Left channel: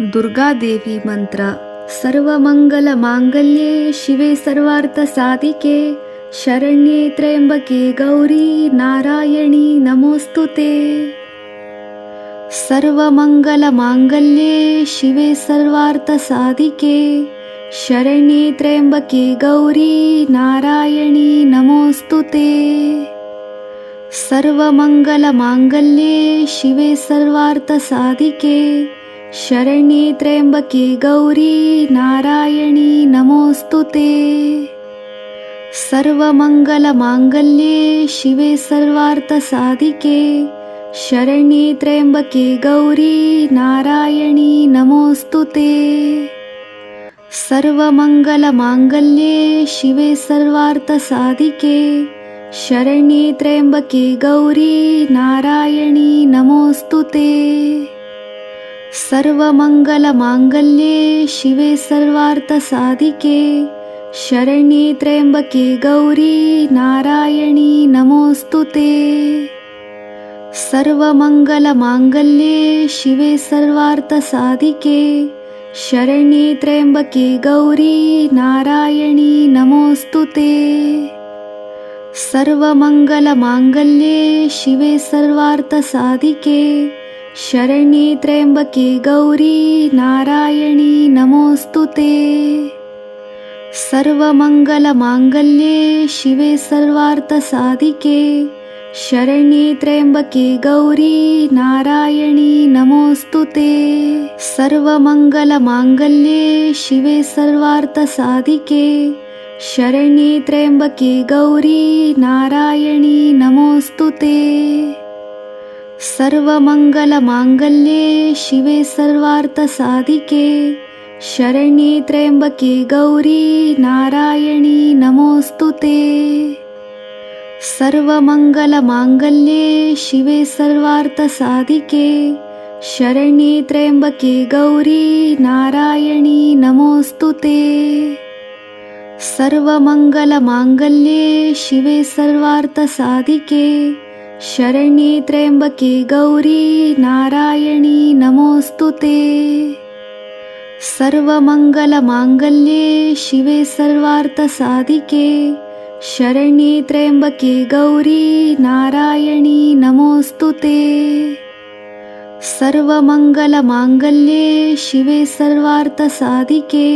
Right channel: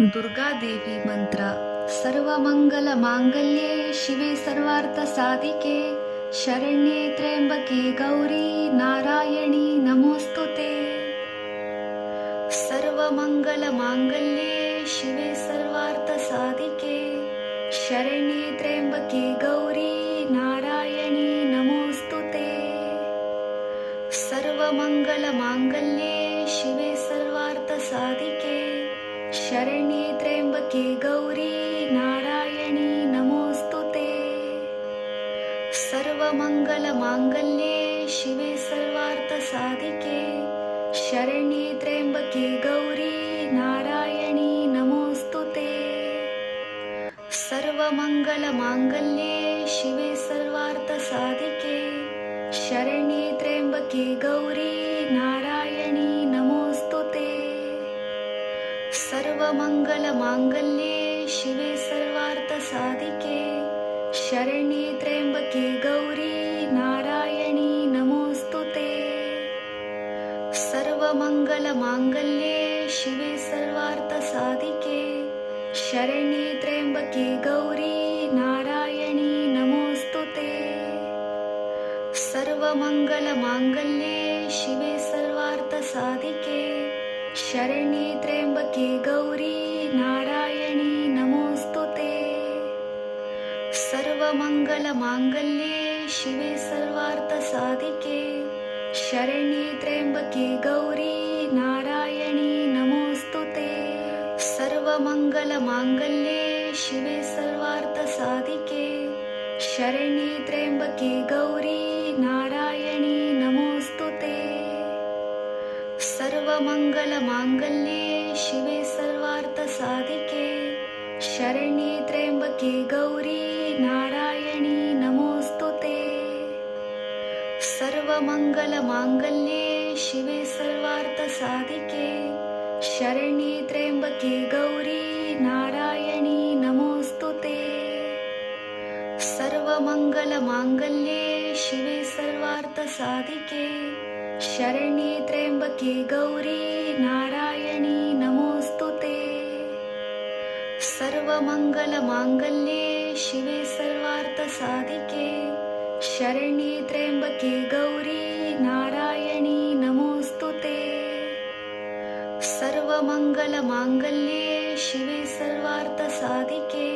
दुर्गादेवी मंत्र। सर्वमंगलमांगल्ये शिवे सर्वार्थसाधिके शरण्ये त्र्यंबके गौरी नारायणी नमोस्तुते। सर्वमंगलमांगल्ये शिवे सर्वार्थसाधिके शरण्ये त्र्यंबके गौरी नारायणी नमोस्तुते। सर्वमंगलमांगल्ये शिवे सर्वार्थसाधिके शरण्ये त्र्यंबके गौरी नारायणी नमोस्तुते। सर्वमंगलमांगल्ये शिवे सर्वार्थसाधिके शरण्ये त्र्यंबके गौरी नारायणी नमोस्तुते। सर्वमंगलमांगल्ये शिवे सर्वार्थसाधिके शरण्ये त्र्यंबके गौरी नारायणी नमोस्तुते। सर्वमंगलमांगल्ये शिवे सर्वार्थसाधिके शरण्ये त्र्यंबके गौरी नारायणी नमोस्तुते। सर्वमंगलमांगल्ये शिवे सर्वार्थसाधिके शरण्ये त्र्यंबके गौरी नारायणी नमोस्तुते। सर्वमंगलमांगल्ये शिवे सर्वार्थसाधिके शरण्ये त्र्यंबके गौरी नारायणी नमोस्तुते। सर्वमंगलमांगल्ये शिवे सर्वार्थसाधिके शरण्ये त्र्यंबके गौरी नारायणी नमोस्तुते। सर्वमंगलमांगल्ये शिवे सर्वार्थसाधिके शरण्ये त्र्यंबके गौरी नारायणी नमोस्तुते। सर्वमंगलमांगल्ये शिवे सर्वार्थसाधिके शरण्ये त्र्यंबके गौरी नारायणी नमोस्तुते। सर्वमंगलमांगल्ये शिवे सर्वार्थसाधिके शरण्ये त्र्यंबके गौरी नारायणी नमोस्तुते। सर्वमंगलमांगल्ये शिवे सर्वार्थसाधिके शरण्ये त्र्यंबके गौरी नारायणी नमोस्तुते। सर्वमंगलमांगल्ये शिवे सर्वार्थसाधिके शरण्ये त्र्यंबके गौरी नारायणी नमोस्तुते। सर्वमंगलमांगल्ये शिवे सर्वार्थसाधिके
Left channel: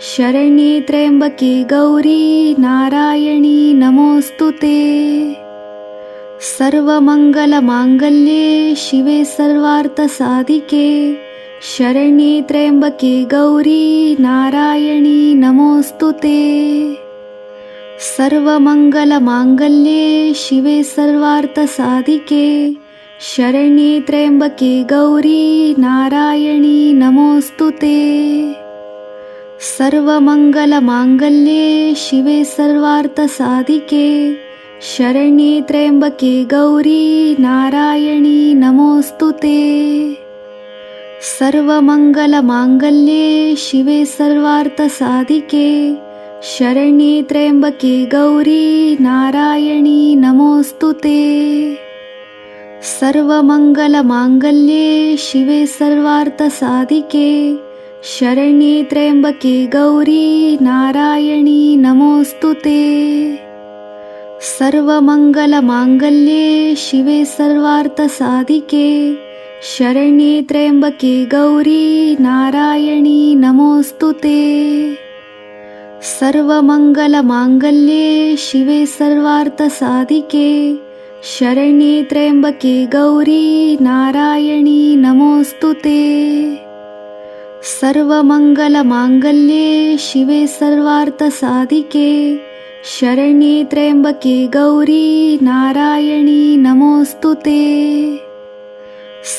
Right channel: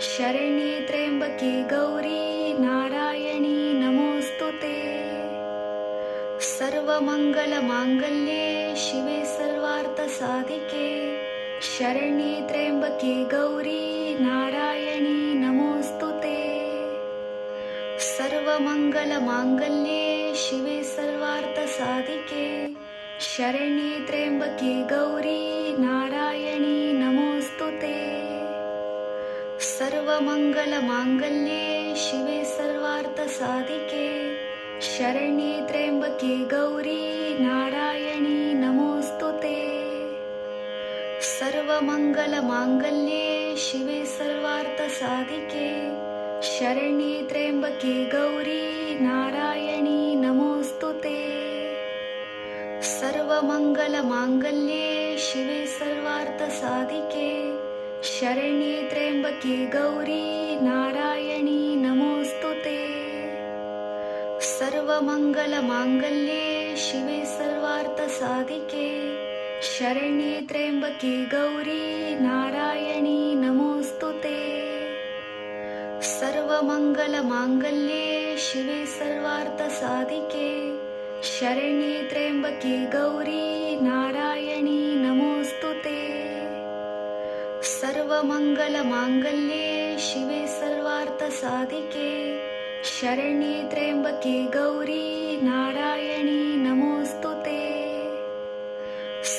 शरण्ये त्र्यंबके गौरी नारायणी नमोस्तुते। सर्वमंगलमांगल्ये शिवे सर्वार्थसाधिके शरण्ये त्र्यंबके गौरी नारायणी नमोस्तुते। सर्वमंगलमांगल्ये शिवे सर्वार्थसाधिके शरण्ये त्र्यंबके गौरी नारायणी नमोस्तुते। सर्वमंगलमांगल्ये शिवे सर्वार्थसाधिके शरण्ये त्र्यंबके गौरी नारायणी नमोस्तुते। सर्वमंगलमांगल्ये शिवे सर्वार्थसाधिके शरण्ये त्र्यंबके गौरी नारायणी नमोस्तुते। सर्वमंगलमांगल्ये शिवे सर्वार्थसाधिके शरण्ये त्र्यंबके गौरी नारायणी नमोस्तुते। सर्वमंगलमांगल्ये शिवे सर्वार्थसाधिके शरण्ये त्र्यंबके गौरी नारायणी नमोस्तुते। सर्वमंगलमांगल्ये शिवे सर्वार्थसाधिके शरण्ये त्र्यंबके गौरी नारायणी नमोस्तुते। सर्वमंगलमांगल्ये शिवे सर्वार्थसाधिके शरण्ये त्र्यंबके गौरी नारायणी नमोस्तुते।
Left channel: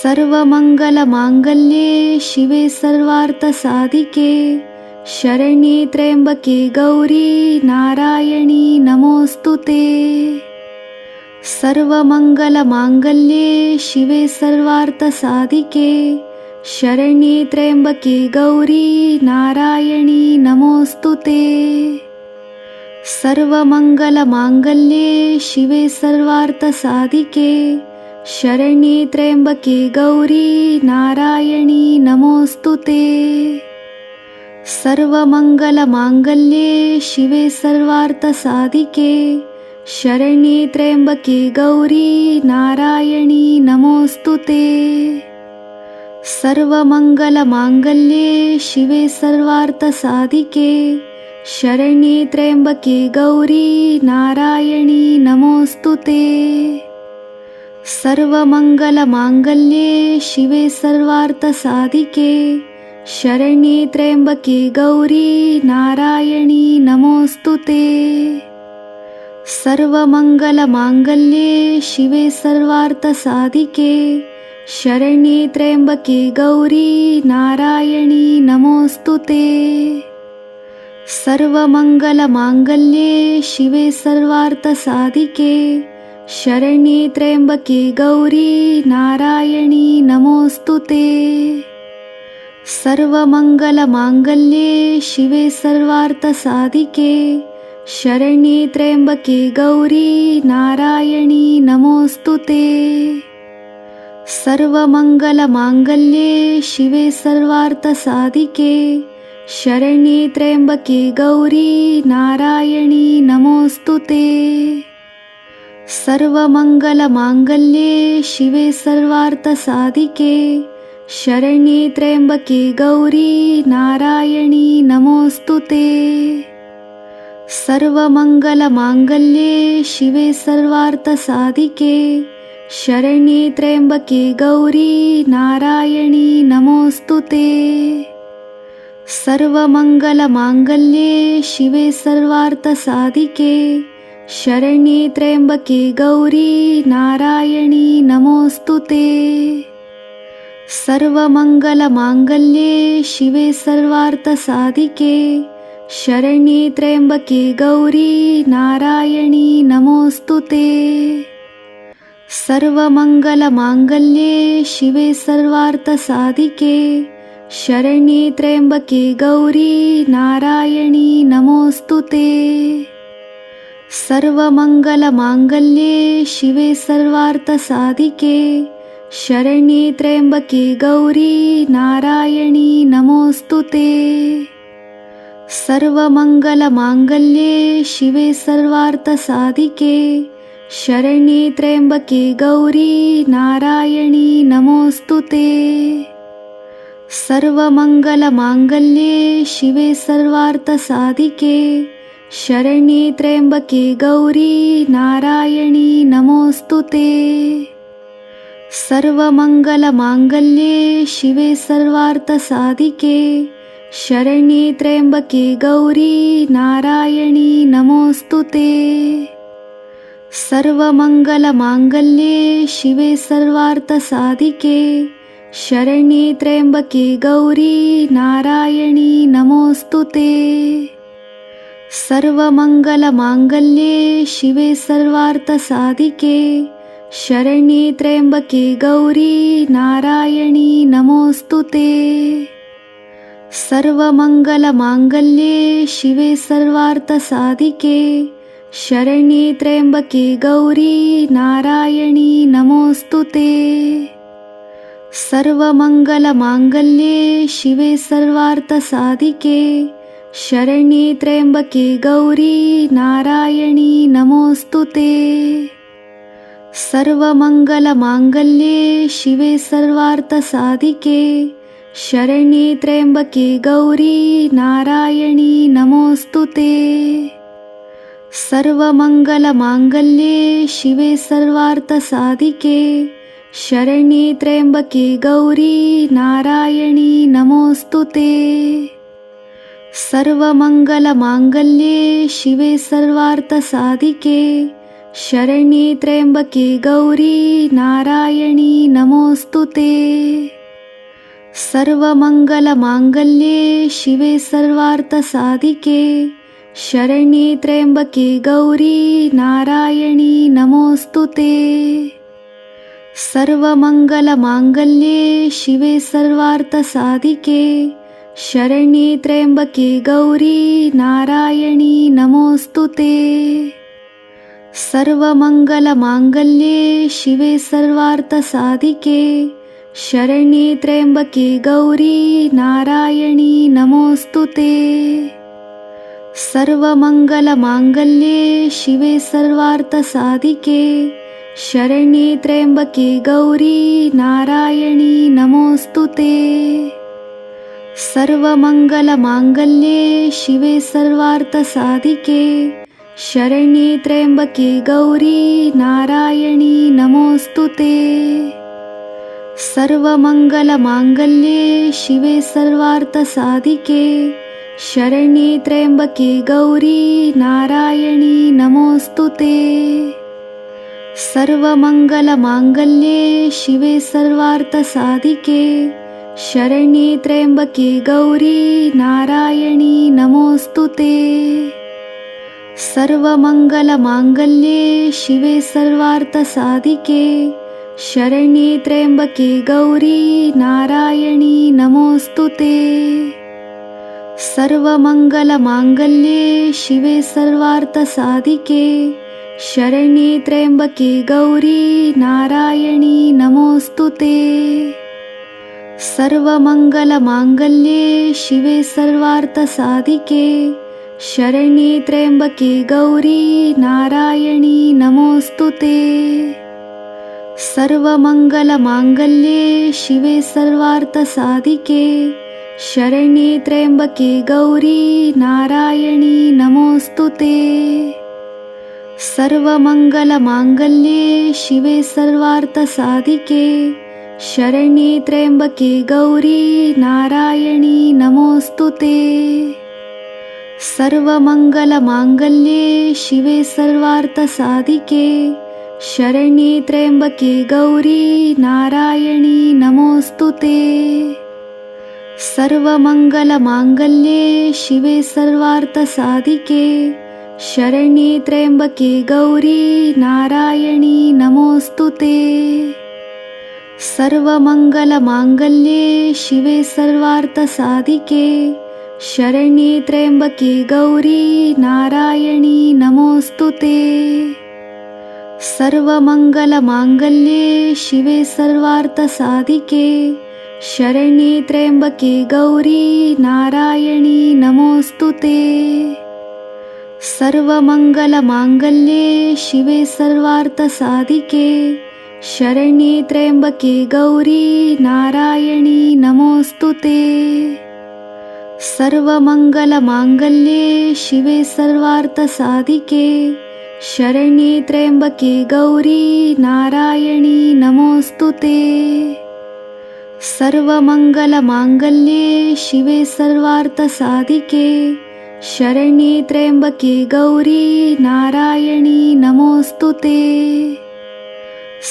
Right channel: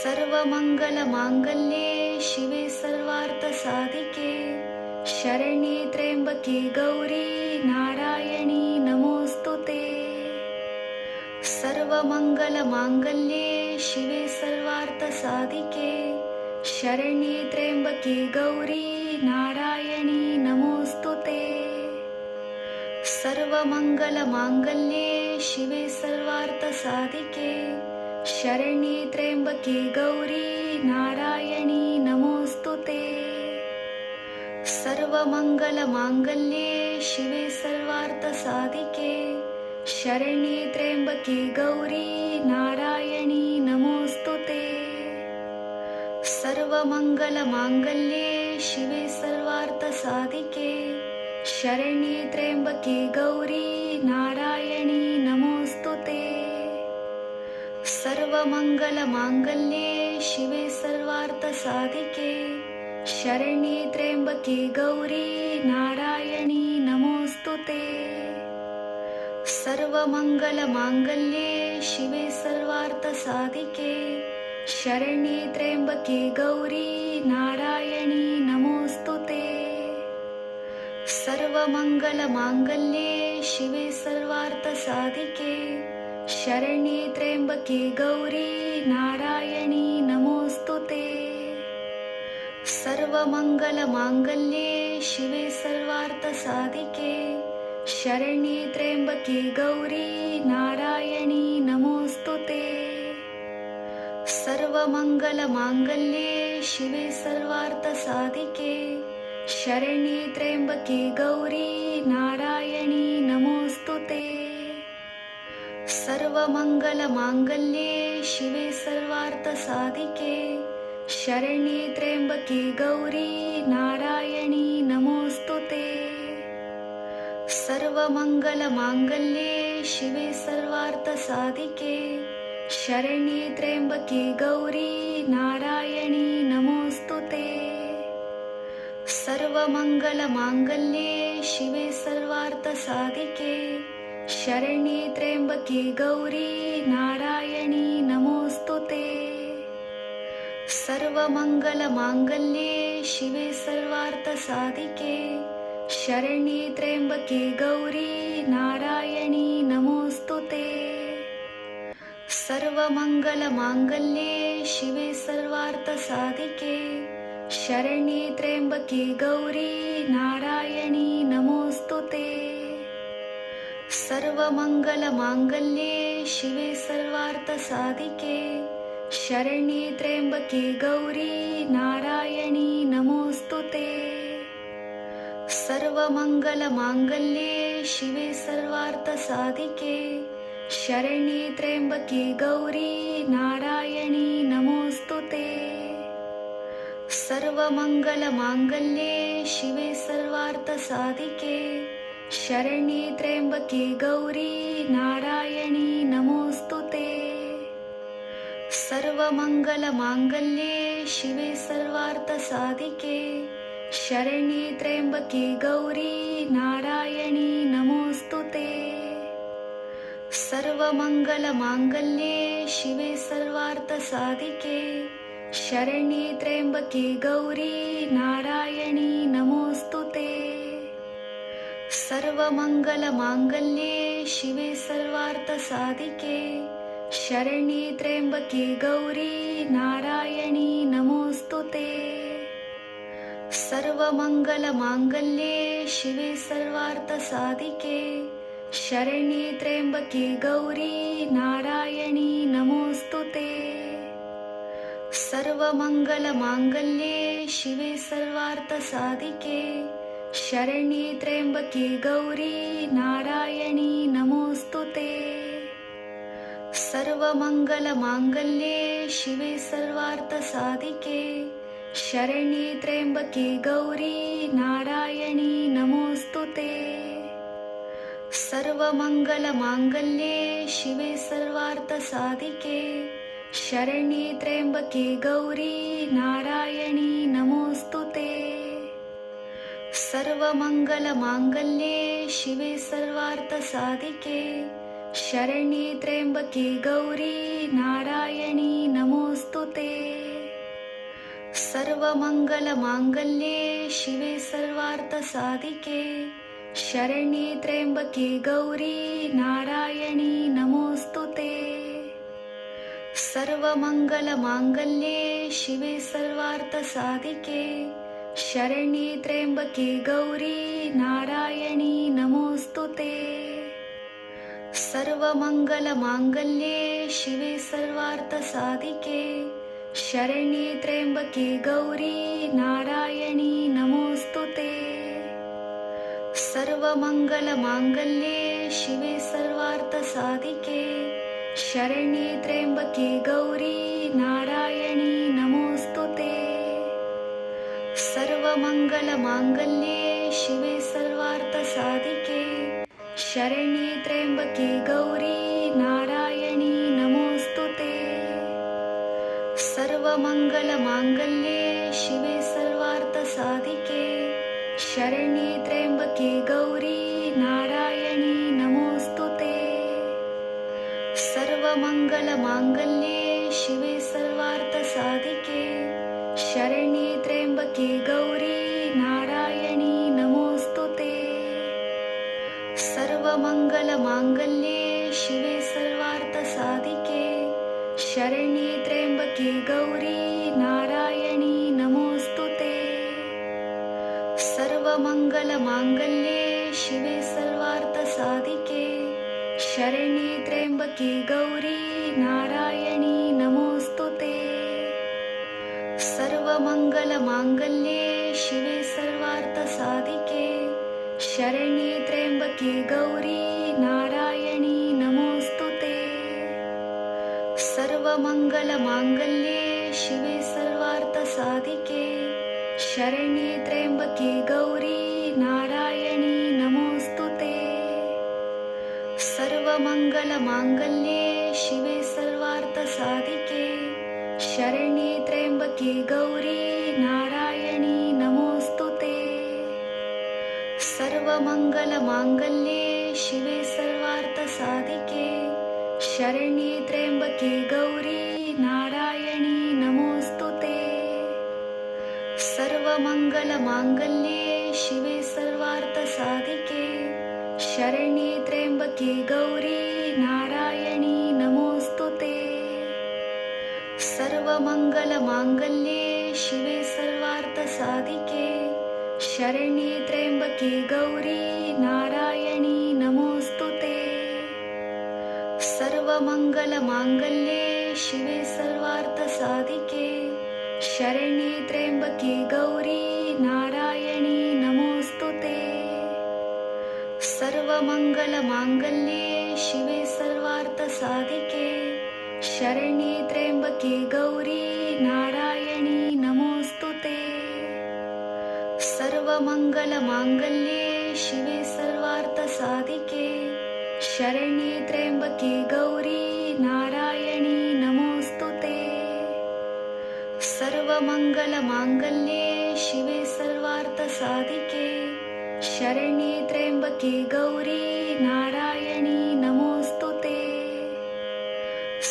सर्वमंगलमांगल्ये शिवे सर्वार्थसाधिके शरण्ये त्र्यंबके गौरी नारायणी नमोस्तुते। सर्वमंगलमांगल्ये शिवे सर्वार्थसाधिके शरण्ये त्र्यंबके गौरी नारायणी नमोस्तुते। सर्वमंगलमांगल्ये शिवे सर्वार्थसाधिके शरण्ये त्र्यम्बके गौरी नारायणी नमोऽस्तुते। सर्वमङ्गलमाङ्गल्ये शिवे सर्वार्थसाधिके शरण्ये त्र्यम्बके गौरी नारायणी नमोऽस्तुते। सर्वमङ्गलमाङ्गल्ये शिवे सर्वार्थसाधिके शरण्ये त्र्यम्बके गौरी नारायणी नमोऽस्तुते। सर्वमङ्गलमाङ्गल्ये शिवे सर्वार्थसाधिके शरण्ये त्र्यम्बके गौरी नारायणी नमोऽस्तुते। सर्वमङ्गलमाङ्गल्ये शिवे सर्वार्थसाधिके शरण्ये त्र्यम्बके गौरी नारायणी नमोऽस्तुते। सर्वमङ्गलमाङ्गल्ये शिवे सर्वार्थसाधिके शरण्ये त्र्यम्बके गौरी नारायणी नमोऽस्तुते। सर्वमङ्गलमाङ्गल्ये शिवे सर्वार्थसाधिके शरण्ये त्र्यम्बके गौरी नारायणी नमोऽस्तुते। सर्वमङ्गलमाङ्गल्ये शिवे सर्वार्थसाधिके शरण्ये त्र्यम्बके गौरी नारायणी नमोऽस्तुते। सर्वमङ्गलमाङ्गल्ये शिवे सर्वार्थसाधिके शरण्ये त्र्यम्बके गौरी नारायणी नमोऽस्तुते। सर्वमङ्गलमाङ्गल्ये शिवे सर्वार्थसाधिके शरण्ये त्र्यम्बके गौरी नारायणी नमोऽस्तुते। सर्वमङ्गलमाङ्गल्ये शिवे सर्वार्थसाधिके शरण्ये त्र्यम्बके गौरी नारायणी नमोऽस्तुते। सर्वमङ्गलमाङ्गल्ये शिवे सर्वार्थसाधिके शरण्ये त्र्यम्बके गौरी नारायणी नमोऽस्तुते। सर्वमङ्गलमाङ्गल्ये शिवे सर्वार्थसाधिके शरण्ये त्र्यम्बके गौरी नारायणी नमोऽस्तुते। सर्वमङ्गलमाङ्गल्ये शिवे सर्वार्थसाधिके शरण्ये त्र्यम्बके गौरी नारायणी नमोऽस्तुते। सर्वमङ्गलमाङ्गल्ये शिवे सर्वार्थसाधिके शरण्ये त्र्यम्बके गौरी नारायणी नमोऽस्तुते। सर्वमङ्गलमाङ्गल्ये शिवे सर्वार्थसाधिके शरण्ये त्र्यम्बके गौरी नारायणी नमोऽस्तुते। सर्वमङ्गलमाङ्गल्ये शिवे सर्वार्थसाधिके शरण्ये त्र्यम्बके गौरी नारायणी नमोऽस्तुते। सर्वमङ्गलमाङ्गल्ये शिवे सर्वार्थसाधिके शरण्ये त्र्यम्बके गौरी नारायणी नमोऽस्तुते। सर्वमङ्गलमाङ्गल्ये शिवे सर्वार्थसाधिके शरण्ये त्र्यम्बके गौरी नारायणी नमोऽस्तुते। सर्वमङ्गलमाङ्गल्ये शिवे सर्वार्थसाधिके शरण्ये त्र्यम्बके गौरी नारायणी नमोऽस्तुते। सर्वमङ्गलमाङ्गल्ये शिवे सर्वार्थसाधिके शरण्ये त्र्यम्बके गौरी नारायणी नमोऽस्तुते। सर्वमङ्गलमाङ्गल्ये शिवे सर्वार्थसाधिके शरण्ये त्र्यम्बके गौरी नारायणी नमोऽस्तुते। सर्वमङ्गलमाङ्गल्ये शिवे सर्वार्थसाधिके शरण्ये त्र्यम्बके गौरी नारायणी नमोऽस्तुते। सर्वमङ्गलमाङ्गल्ये शिवे सर्वार्थसाधिके शरण्ये त्र्यम्बके गौरी नारायणी नमोऽस्तुते। सर्वमङ्गलमाङ्गल्ये शिवे सर्वार्थसाधिके शरण्ये त्र्यम्बके गौरी नारायणी नमोऽस्तुते। सर्वमङ्गलमाङ्गल्ये शिवे सर्वार्थसाधिके शरण्ये त्र्यम्बके गौरी नारायणी नमोऽस्तुते। सर्वमङ्गलमाङ्गल्ये शिवे सर्वार्थसाधिके शरण्ये त्र्यम्बके गौरी नारायणी नमोऽस्तुते। सर्वमङ्गलमाङ्गल्ये शिवे सर्वार्थसाधिके शरण्ये त्र्यम्बके गौरी नारायणी नमोऽस्तुते। सर्वमङ्गलमाङ्गल्ये शिवे सर्वार्थसाधिके शरण्ये त्र्यम्बके गौरी नारायणी नमोऽस्तुते। सर्वमङ्गलमाङ्गल्ये शिवे सर्वार्थसाधिके शरण्ये त्र्यम्बके गौरी नारायणी नमोऽस्तुते। सर्वमङ्गलमाङ्गल्ये शिवे सर्वार्थसाधिके शरण्ये त्र्यम्बके गौरी नारायणी नमोऽस्तुते। सर्वमङ्गलमाङ्गल्ये शिवे सर्वार्थसाधिके शरण्ये त्र्यम्बके गौरी नारायणी नमोऽस्तुते। सर्वमङ्गलमाङ्गल्ये शिवे सर्वार्थसाधिके शरण्ये त्र्यम्बके गौरी नारायणी नमोऽस्तुते। सर्वमङ्गलमाङ्गल्ये शिवे सर्वार्थसाधिके शरण्ये त्र्यम्बके गौरी नारायणी नमोऽस्तुते। सर्वमङ्गलमाङ्गल्ये शिवे सर्वार्थसाधिके शरण्ये त्र्यम्बके गौरी नारायणी नमोऽस्तुते। सर्वमङ्गलमाङ्गल्ये शिवे सर्वार्थसाधिके शरण्ये त्र्यम्बके गौरी नारायणी नमोऽस्तुते। सर्वमङ्गलमाङ्गल्ये शिवे सर्वार्थसाधिके शरण्ये त्र्यम्बके गौरी नारायणी नमोऽस्तुते। सर्वमङ्गलमाङ्गल्ये शिवे सर्वार्थसाधिके शरण्ये त्र्यम्बके गौरी नारायणी नमोऽस्तुते। सर्वमङ्गलमाङ्गल्ये शिवे सर्वार्थसाधिके शरण्ये त्र्यम्बके गौरी नारायणी नमोऽस्तुते। सर्वमङ्गलमाङ्गल्ये शिवे सर्वार्थसाधिके शरण्ये त्र्यम्बके गौरी नारायणी नमोऽस्तुते। सर्वमङ्गलमाङ्गल्ये शिवे सर्वार्थसाधिके शरण्ये त्र्यम्बके गौरी नारायणी नमोऽस्तुते। सर्वमङ्गलमाङ्गल्ये शिवे सर्वार्थसाधिके शरण्ये त्र्यम्बके गौरी नारायणी नमोऽस्तुते। सर्वमङ्गलमाङ्गल्ये शिवे सर्वार्थसाधिके शरण्ये त्र्यम्बके गौरी नारायणी नमोऽस्तुते।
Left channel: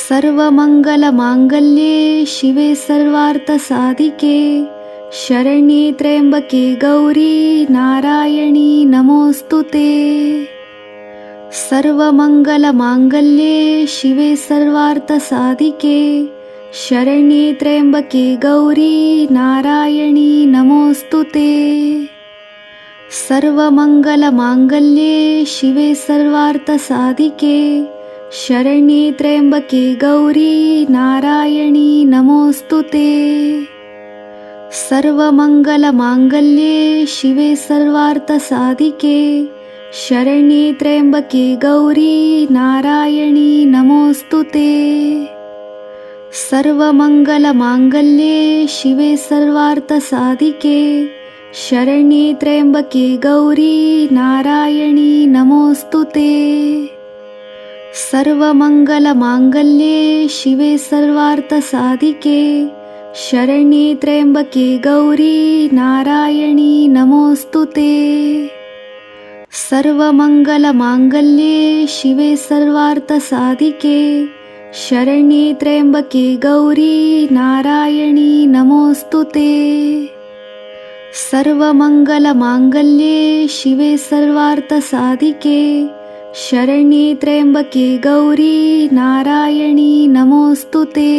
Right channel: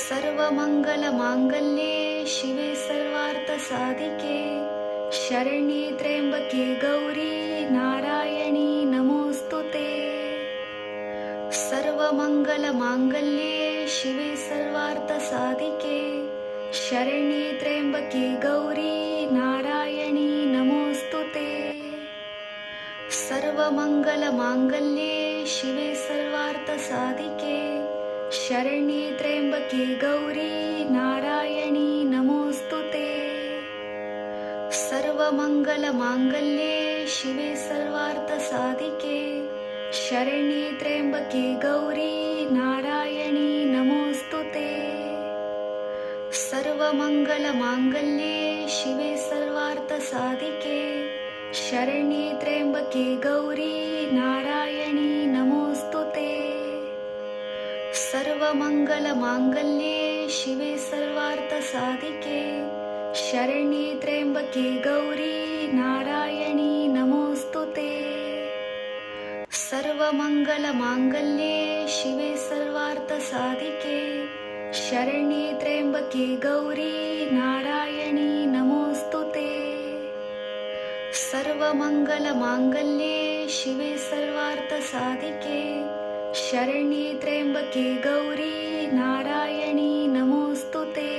सर्वमङ्गलमाङ्गल्ये शिवे सर्वार्थसाधिके शरण्ये त्र्यम्बके गौरी नारायणी नमोऽस्तुते। सर्वमङ्गलमाङ्गल्ये शिवे सर्वार्थसाधिके शरण्ये त्र्यम्बके गौरी नारायणी नमोऽस्तुते। सर्वमङ्गलमाङ्गल्ये शिवे सर्वार्थसाधिके शरण्ये त्र्यम्बके गौरी नारायणी नमोऽस्तुते। सर्वमङ्गलमाङ्गल्ये शिवे सर्वार्थसाधिके शरण्ये त्र्यम्बके गौरी नारायणी नमोऽस्तुते। सर्वमङ्गलमाङ्गल्ये शिवे सर्वार्थसाधिके शरण्ये त्र्यम्बके गौरी नारायणी नमोऽस्तुते। सर्वमङ्गलमाङ्गल्ये शिवे सर्वार्थसाधिके शरण्ये त्र्यम्बके गौरी नारायणी नमोऽस्तुते। सर्वमङ्गलमाङ्गल्ये शिवे सर्वार्थसाधिके शरण्ये त्र्यम्बके गौरी नारायणी नमोऽस्तुते। सर्वमङ्गलमाङ्गल्ये शिवे सर्वार्थसाधिके शरण्ये त्र्यम्बके गौरी नारायणी नमोऽस्तुते।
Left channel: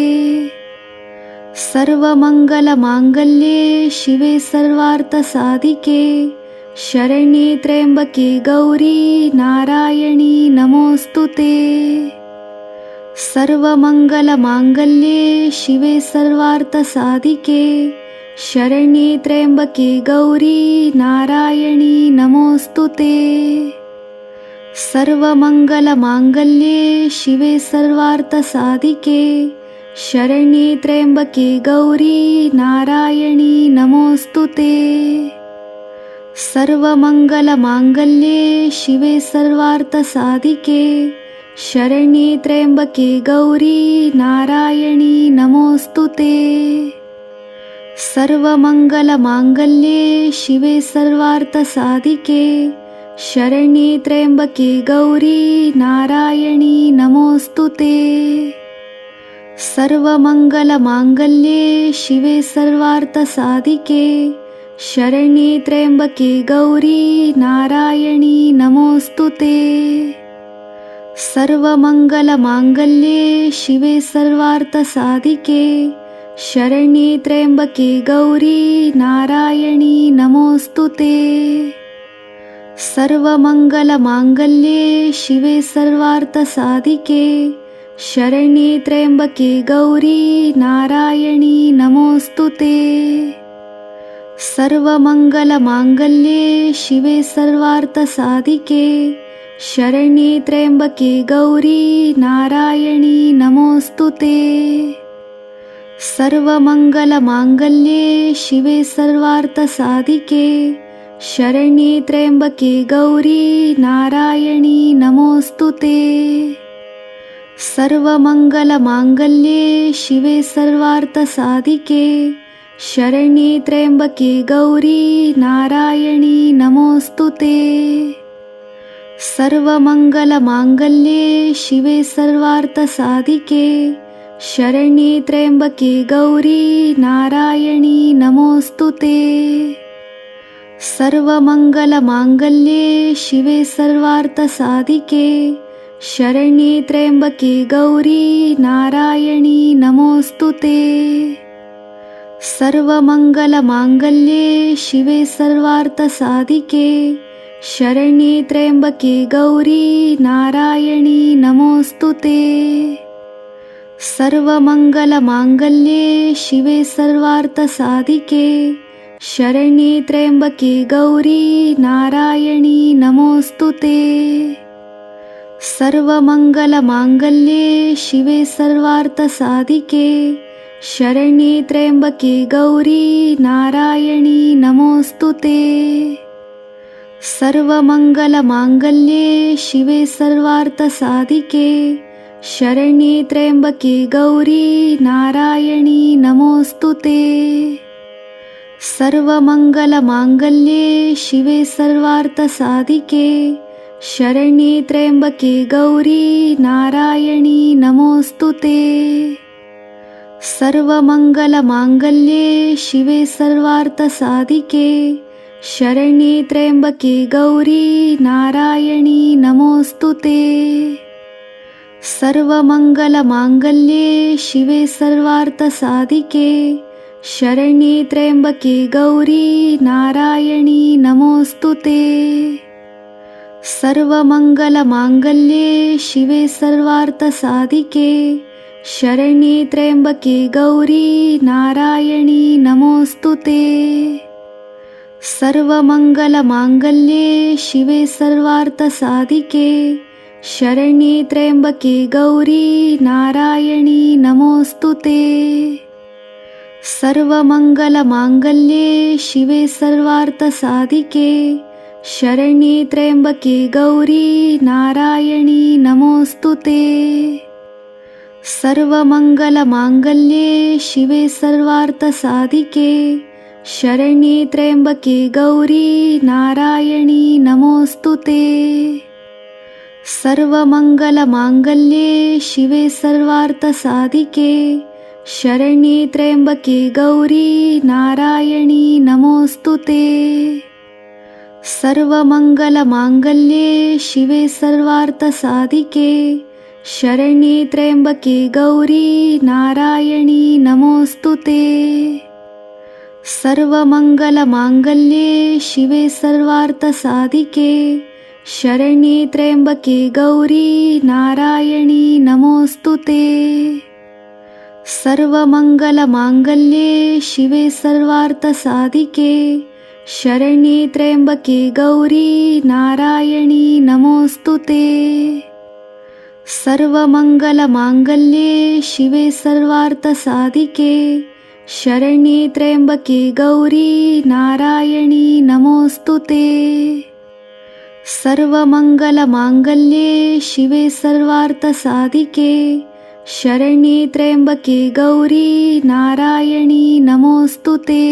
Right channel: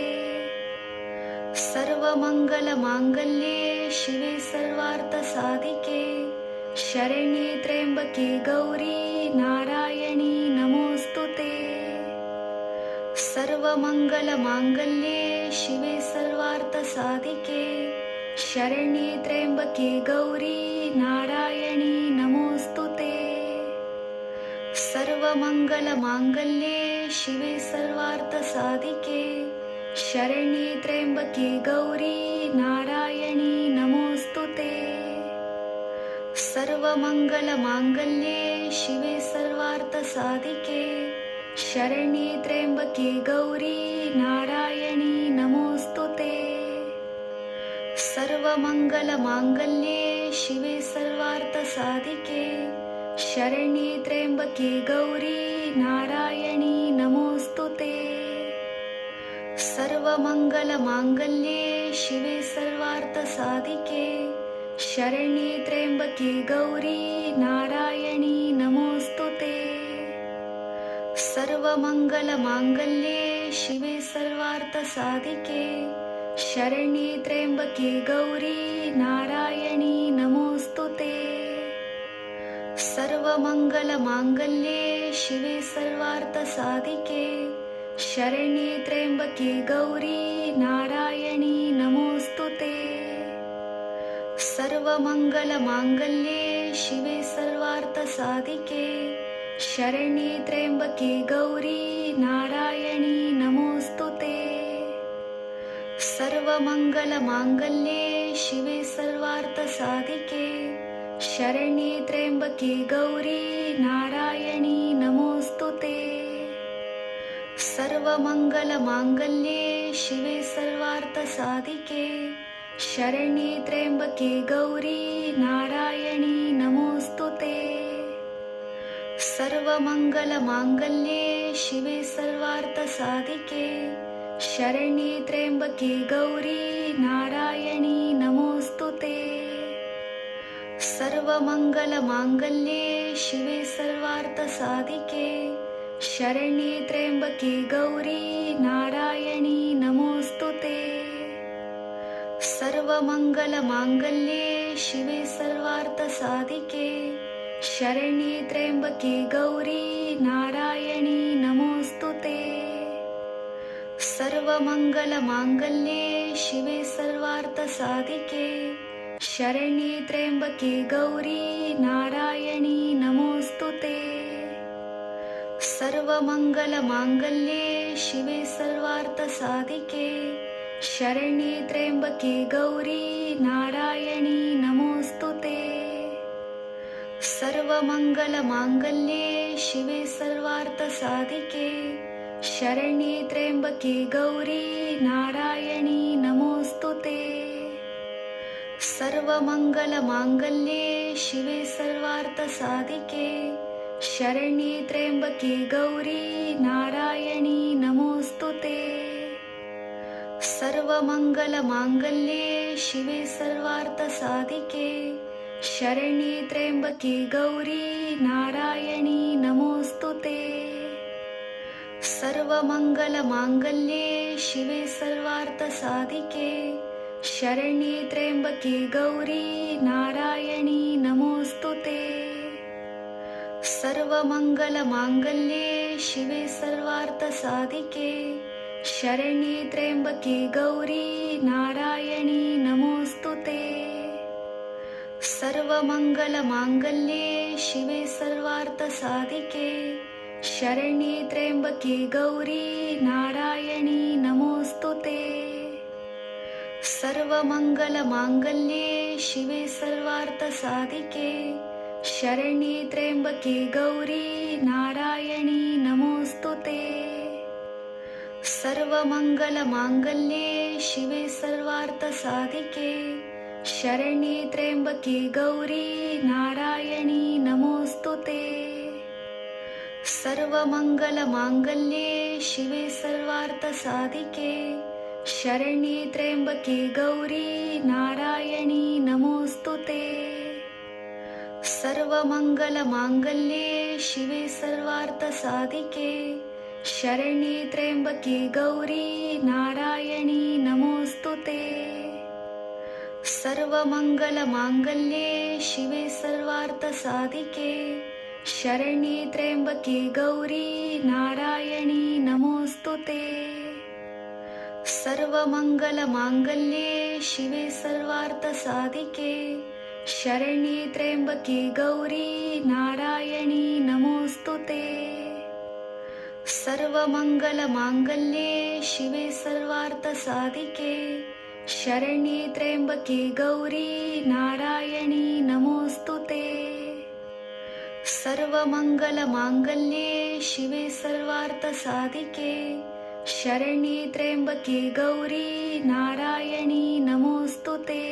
सर्वमङ्गलमाङ्गल्ये शिवे सर्वार्थसाधिके शरण्ये त्र्यंबके गौरी नारायणी नमोस्तुते। सर्वमंगलमांगल्ये शिवे सर्वार्थसाधिके शरण्ये त्र्यंबके गौरी नारायणी नमोस्तुते। सर्वमंगलमांगल्ये शिवे सर्वार्थसाधिके शरण्ये त्र्यंबके गौरी नारायणी नमोस्तुते। सर्वमंगलमांगल्ये शिवे सर्वार्थसाधिके शरण्ये त्र्यंबके गौरी नारायणी नमोस्तुते। सर्वमंगलमांगल्ये शिवे सर्वार्थसाधिके शरण्ये त्र्यंबके गौरी नारायणी नमोस्तुते। सर्वमंगलमांगल्ये शिवे सर्वार्थसाधिके शरण्ये त्र्यंबके गौरी नारायणी नमोस्तुते। सर्वमंगलमांगल्ये शिवे सर्वार्थसाधिके शरण्ये त्र्यंबके गौरी नारायणी नमोस्तुते। सर्वमंगलमांगल्ये शिवे सर्वार्थसाधिके शरण्ये त्र्यंबके गौरी नारायणी नमोस्तुते। सर्वमंगलमांगल्ये शिवे सर्वार्थसाधिके शरण्ये त्र्यंबके गौरी नारायणी नमोस्तुते। सर्वमंगलमांगल्ये शिवे सर्वार्थसाधिके शरण्ये त्र्यंबके गौरी नारायणी नमोस्तुते। सर्वमंगलमांगल्ये शिवे सर्वार्थसाधिके शरण्ये त्र्यंबके गौरी नारायणी नमोस्तुते। सर्वमंगलमांगल्ये शिवे सर्वार्थसाधिके शरण्ये त्र्यंबके गौरी नारायणी नमोस्तुते। सर्वमंगलमांगल्ये शिवे सर्वार्थसाधिके शरण्ये त्र्यंबके गौरी नारायणी नमोस्तुते। सर्वमंगलमांगल्ये शिवे सर्वार्थसाधिके शरण्ये त्र्यंबके गौरी नारायणी नमोस्तुते। सर्वमंगलमांगल्ये शिवे सर्वार्थसाधिके शरण्ये त्र्यंबके गौरी नारायणी नमोस्तुते। सर्वमंगलमांगल्ये शिवे सर्वार्थसाधिके शरण्ये त्र्यंबके गौरी नारायणी नमोस्तुते। सर्वमंगलमांगल्ये शिवे सर्वार्थसाधिके शरण्ये त्र्यंबके गौरी नारायणी नमोस्तुते। सर्वमंगलमांगल्ये शिवे सर्वार्थसाधिके शरण्ये त्र्यंबके गौरी नारायणी नमोस्तुते। सर्वमंगलमांगल्ये शिवे सर्वार्थसाधिके शरण्ये त्र्यंबके गौरी नारायणी नमोस्तुते। सर्वमंगलमांगल्ये शिवे सर्वार्थसाधिके शरण्ये त्र्यंबके गौरी नारायणी नमोस्तुते। सर्वमंगलमांगल्ये शिवे सर्वार्थसाधिके शरण्ये त्र्यंबके गौरी नारायणी नमोस्तुते। सर्वमंगलमांगल्ये शिवे सर्वार्थसाधिके शरण्ये त्र्यंबके गौरी नारायणी नमोस्तुते। सर्वमंगलमांगल्ये शिवे सर्वार्थसाधिके शरण्ये त्र्यंबके गौरी नारायणी नमोस्तुते। सर्वमंगलमांगल्ये शिवे सर्वार्थसाधिके शरण्ये त्र्यंबके गौरी नारायणी नमोस्तुते। सर्वमंगलमांगल्ये शिवे सर्वार्थसाधिके शरण्ये त्र्यंबके गौरी नारायणी नमोस्तुते। सर्वमंगलमांगल्ये शिवे सर्वार्थसाधिके शरण्ये त्र्यंबके गौरी नारायणी नमोस्तुते। सर्वमङ्गलमाङ्गल्ये शिवे सर्वार्थसाधिके शरण्ये त्र्यम्बके गौरी नारायणी नमोऽस्तु ते। सर्वमङ्गलमाङ्गल्ये शिवे सर्वार्थसाधिके शरण्ये त्र्यम्बके गौरी नारायणी नमोऽस्तु ते। सर्वमङ्गलमाङ्गल्ये शिवे सर्वार्थसाधिके शरण्ये त्र्यम्बके गौरी नारायणी नमोऽस्तु ते। सर्वमङ्गलमाङ्गल्ये शिवे सर्वार्थसाधिके शरण्ये त्र्यम्बके गौरी नारायणी नमोऽस्तु ते।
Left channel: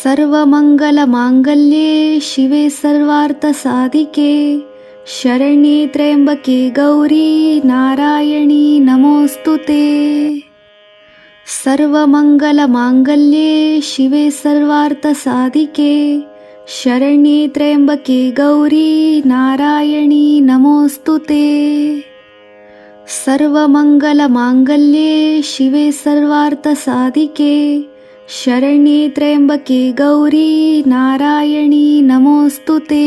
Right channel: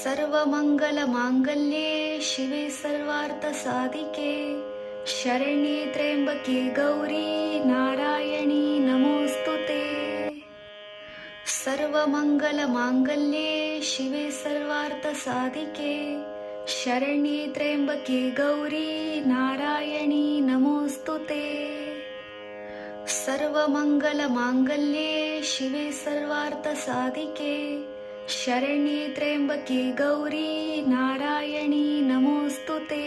सर्वमङ्गलमाङ्गल्ये शिवे सर्वार्थसाधिके शरण्ये त्र्यम्बके गौरी नारायणी नमोऽस्तु ते। सर्वमङ्गलमाङ्गल्ये शिवे सर्वार्थसाधिके शरण्ये त्र्यम्बके गौरी नारायणी नमोऽस्तु ते। सर्वमङ्गलमाङ्गल्ये शिवे सर्वार्थसाधिके शरण्ये त्र्यम्बके गौरी नारायणी नमोऽस्तु ते।